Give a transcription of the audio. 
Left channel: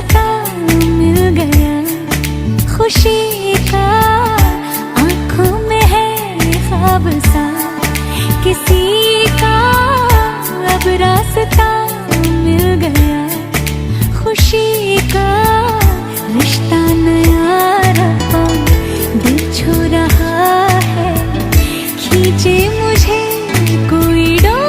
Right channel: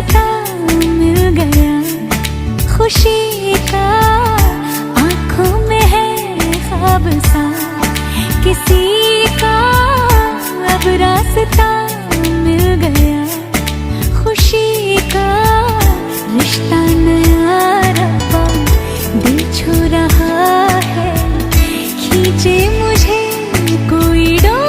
रास्ता मिल गया खुशी का, आंखों में है ख्वाब सा किसी का, अब रास्ता मिल गया खुशी का। रिश्ता नया रब्बा दिल छू रहा है, खींचे मुझे कोई डोर